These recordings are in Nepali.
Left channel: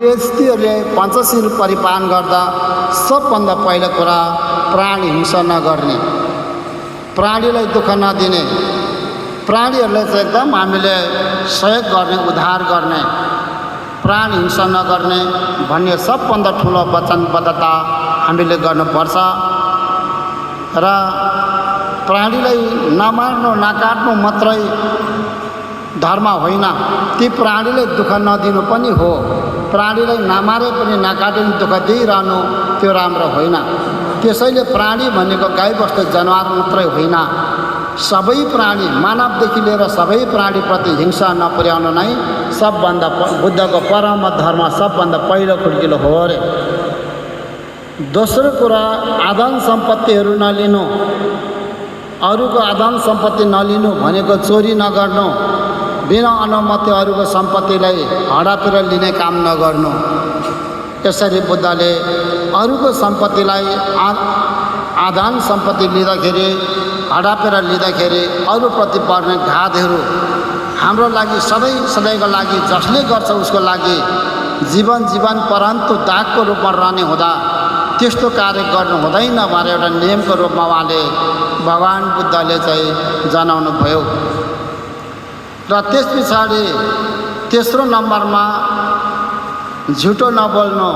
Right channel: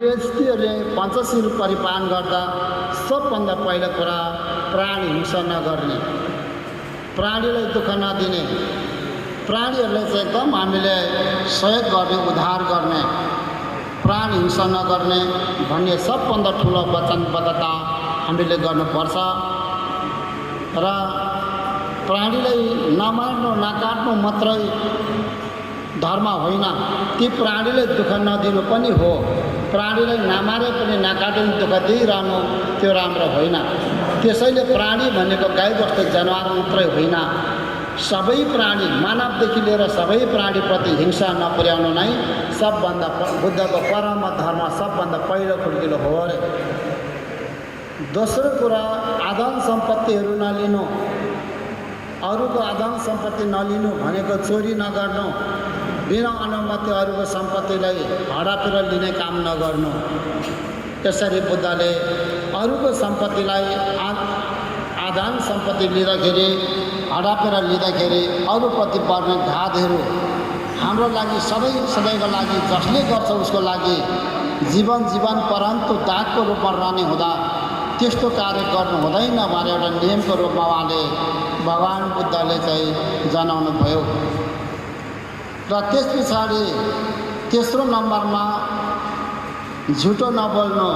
यस्तीहरूले पञ्चशील परिपालन गर्दा सबभन्दा पहिलो कुरा प्राणी हिंसा नगर्ने, प्राणीलाई दुःख नदिने, प्राणीहरूलाई चाहिँ एकदम हामीले सहयोग गर्ने, उद्धार गर्ने, प्राणी हिंसा नगर्ने भन्ने सबभन्दा ठुलो वचनबद्धता हामीले गर्नुपर्छ। र प्राणीलाई नमार्नु नकाट्नु मात्रै धर्म होइन, ती प्राणीलाई दुःख नदिनु पनि हो। प्राणीलाई नमारे पनि नकाटे पनि दुःख दिइरहनु त्यो राम्रो होइन। त्यसैले प्राणी भनेको गाईबस्तु जनावर मात्रै होइन, सबै प्राणी मानवदेखि लिएर सबै प्राणीप्रति हिंसा नपुर्याउनु नै सबभन्दा बुद्धको परम धर्म सबभन्दा पहिलो खुड्किलो हो अरे। दोस्रो कुरा आदान सम्पत्तिहरू नलिनु, अरूको आदान सम्पत्ति नलिनु भनेको चोरी नगर्नु, बिना अनुमति अरूको सम्पत्तिलाई हडपेर लिने काम नगर्नु। यसरी बुद्धले अरूको सम्पत्तिलाई आदान सम्पत्ति लिँदाखेरि हडपेर लिँदाखेरि अरूप्रति पर्ने घातहरू हाम्रो लागि सधैँको लागि जसले गर्छ उसको लागि जीवन परन्तु दागको रूपमा रहने हुँदा त्यस्तो कार्य गर्नु हुँदैन भनेर एउटा नियमको रूपमा उहाँले भगवान बुद्धले चाहिँ जनाउनु भयो। र त्यस पछाडि तेस्रो नम्बरमा झुटो नबोल्नु।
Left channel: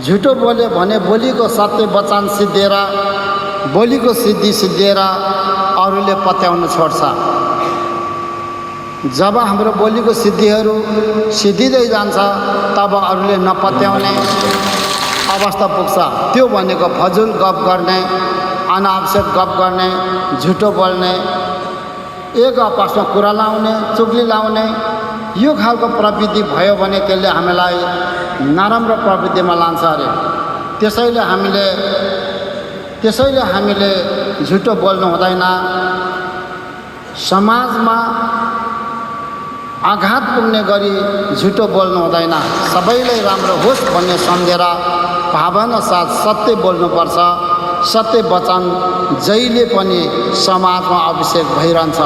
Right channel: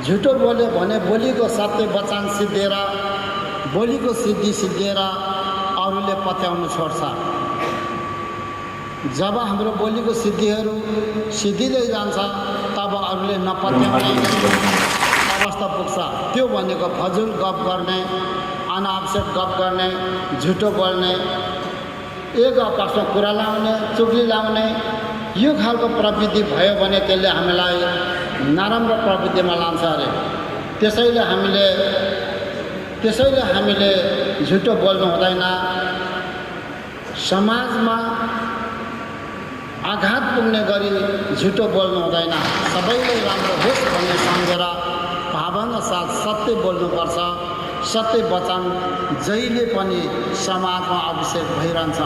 झुटो बोल्यो भने बोलीको सत्य वचन सिद्धिएर, बोलीको सिद्धि सिद्धिएर अरूले पत्याउनु छोड्छ। जब हाम्रो बोलीको सिद्धिहरू सिद्धिँदै जान्छ तब अरूले नपत्याउने अवस्था पुग्छ। त्यो भनेको फजुल गफ गर्ने, अनावश्यक गफ गर्ने, झुटो बोल्ने, एक आपसमा कुरा लाउने, चुगली लाउने, यो खालको प्रवृत्ति भयो भने त्यसले हामीलाई नराम्रो प्रवृत्तिमा लान्छ अरे। त्यसैले हामीले झुटो बोल्नु हुँदैन। समाजमा आघात पुग्ने गरी झुटो बोल्नु हुँदैन। सबैलाई राम्रो होस् भन्ने सम्झेर भावना साथ सत्य बोल्नुपर्छ। सत्य वचन जहिले पनि समाजमा अभिषेक भइरहन्छ।